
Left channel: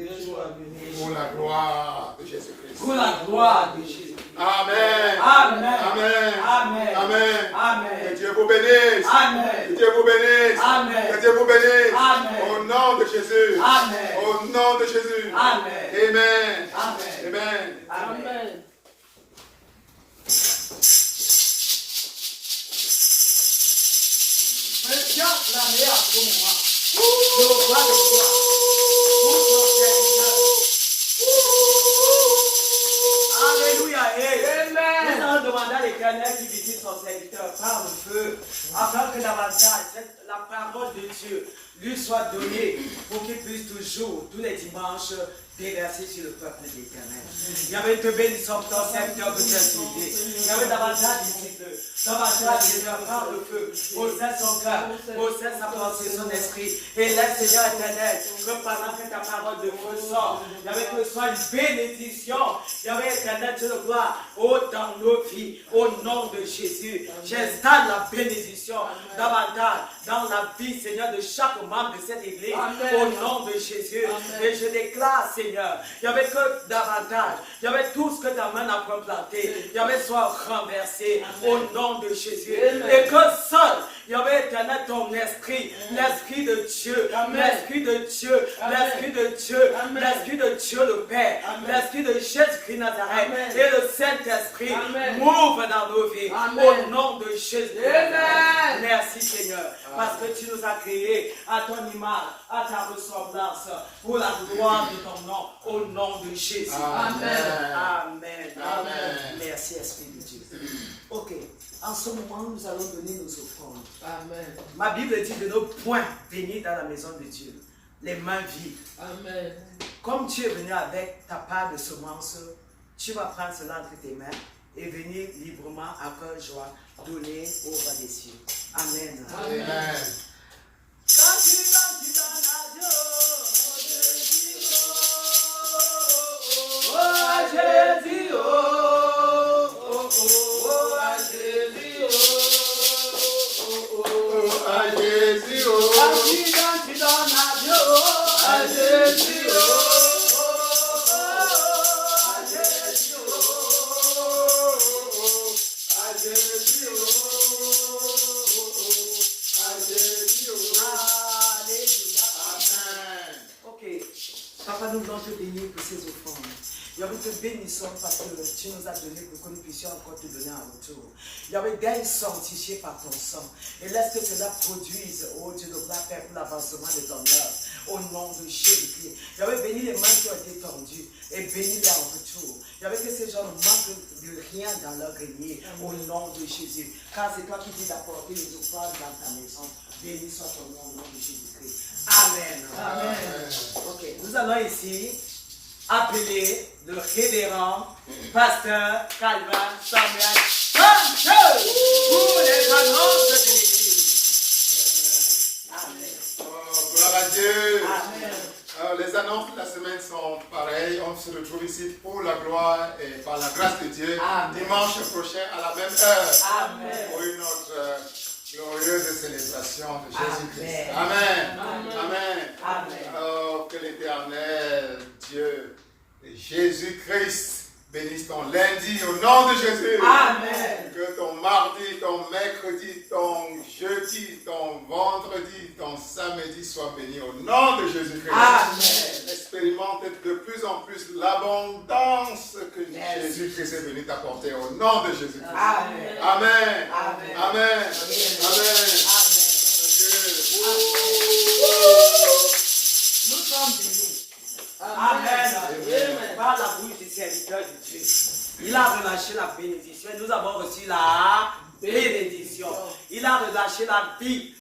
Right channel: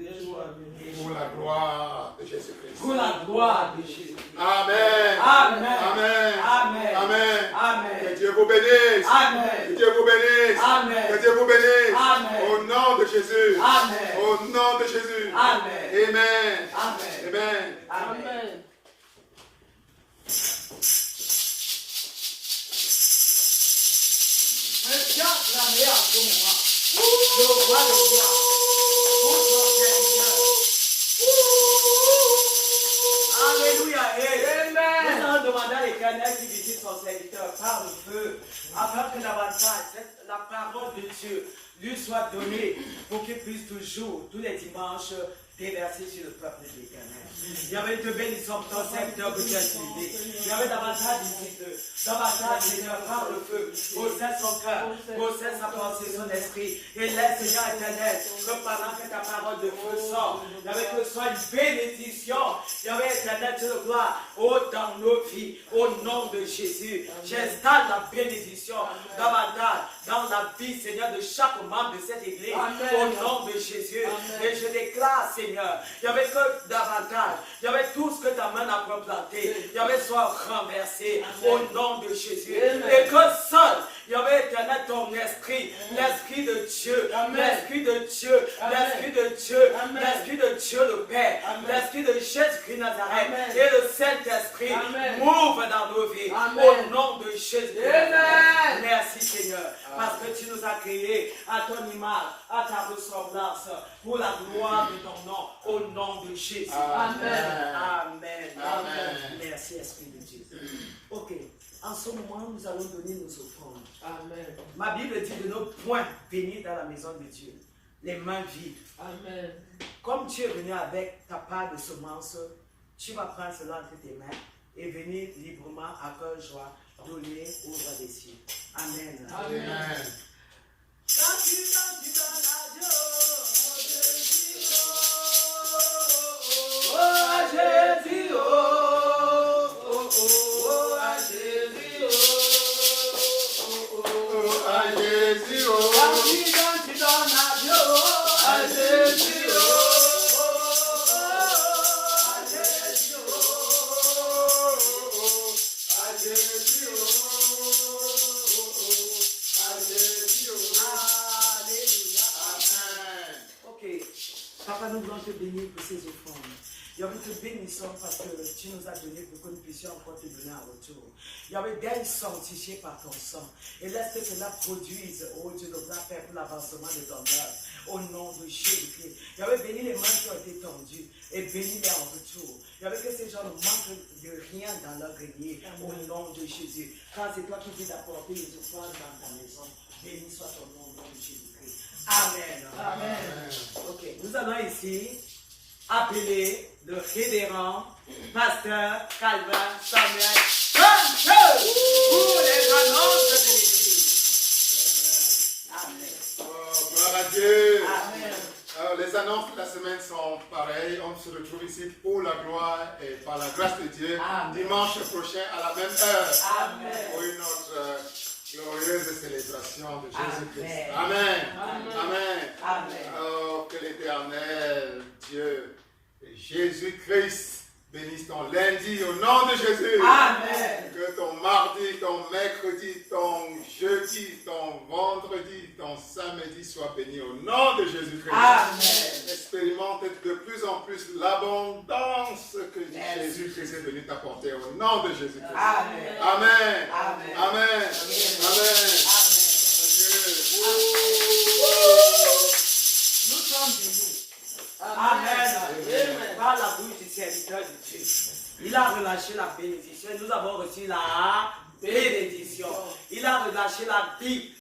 Les jours à venir. Pour la gloire de Jésus-Christ. Pour la gloire de Jésus. Amen. Amen. Amen. Amen. Amen. Amen. Que Dieu vous bénisse. Amen. Que Dieu vous bénisse. Amen. Que Dieu vous bénisse. Amen. Au nom de Jésus. Amen. Au nom de Jésus. Amen. Amen. Amen. Amen. Amen. Acclamez à ce moment. Le roi de gloire. Pour son serviteur. Alléluia. Nous allons demander à l'Éternel qui visite son serviteur par le feu, afin que davantage la parole de Dieu lui soit donnée pour qu'il puisse toujours, tous les dimanches, déverser sur le peuple de l'Éternel. Il y avait de bénissons pour ton serviteur de Dieu. Il y avait davantage disciples, davantage de Seigneur par le feu, possède son cœur, possède sa pensée, son esprit, et laisse Seigneur éternel, que pendant que ta parole de feu sort, il y avait que ce soit une bénédiction, il y avait éternel Dieu de gloire, dans nos vies, au nom de Jésus. J'installe la bénédiction davantage dans la vie, Seigneur, de chaque membre de cette église, au nom de Jésus. Et je déclare, Seigneur, il y avait que davantage, il y avait tout ce que ta main a replanté, il y avait soit renversé au nom de Jésus. Et que seul, il y avait éternel ton esprit, l'esprit de Dieu, l'esprit de Dieu, l'esprit de Dieu, l'esprit de Dieu le Père, l'esprit de Jésus-Christ Nazareth et le Saint-Esprit m'ouvre dans nos vies au nom de Jésus. Merci Seigneur, parce que tu nous as créés à ton image, à ta ressemblance, pour la gloire de ton nom, au nom de Jésus. Amen. Amen. Amen. Merci Esprit de Dieu. Ok, en ce moment, nous allons donner nos offrandes. Amen. Ma Bible dit de ne point venir dans la maison de Dieu, les mains vides. Amen. Comme tu es venu avec ta part de semences, tu vas prendre cela entre tes mains et venir librement à cœur joie donner au roi des cieux. Amen. Amen. Amen. Quand tu dans la Dieu, oh Jésus, oh Jésus, oh Jésus, oh Seigneur, je te bénis pour ces offrandes. Yahweh, te bénissons parce que tu nous as donné pour que nous puissions encore te donner un retour. Yahweh, daigne sanctifier par ton sang. Et laisse que cela produise, oh Dieu de gloire, Père, pour l'avancement de ton œuvre. Au nom de Jésus-Christ. Yahweh, bénis les mains qui ont été tendues et bénis-les en retour. Yahweh, que ces gens ne manquent de rien dans leur grenier. Au nom de Jésus. Car c'est toi qui dis d'apporter les offrandes dans ta maison. Béni soit ton nom au nom de Jésus-Christ. Amen. Amen. Ok, nous allons ici appeler le révérend pasteur Calvin Samuel Sanchez pour les annonces de l'Église. Amen. Oh, gloire à Dieu. Amen. Alors, les annonces de la semaine sont pareilles. On se retrouve ici pour la gloire et par la grâce de Dieu. Amen. Dimanche prochain à la même heure. Amen. Pour une autre glorieuse célébration de Jésus-Christ. Amen. Amen. Amen. Amen. Oh, que l'Éternel, Dieu, et Jésus-Christ bénisse ton lundi au nom de Jésus. Amen. Que ton mardi, ton mercredi, ton jeudi, ton vendredi, ton samedi soit béni au nom de Jésus-Christ. Amen. Expérimente de plus en plus l'abondance que Jésus-Christ est venu t'apporter au nom de Jésus-Christ. Amen. Amen. Amen. Amen. Amen. Nous sommes bénis. Amen. Par la bouche du serviteur de Dieu. Il a relâché la bénédiction et nous avons reçu la bénédiction. Il a relâché la vie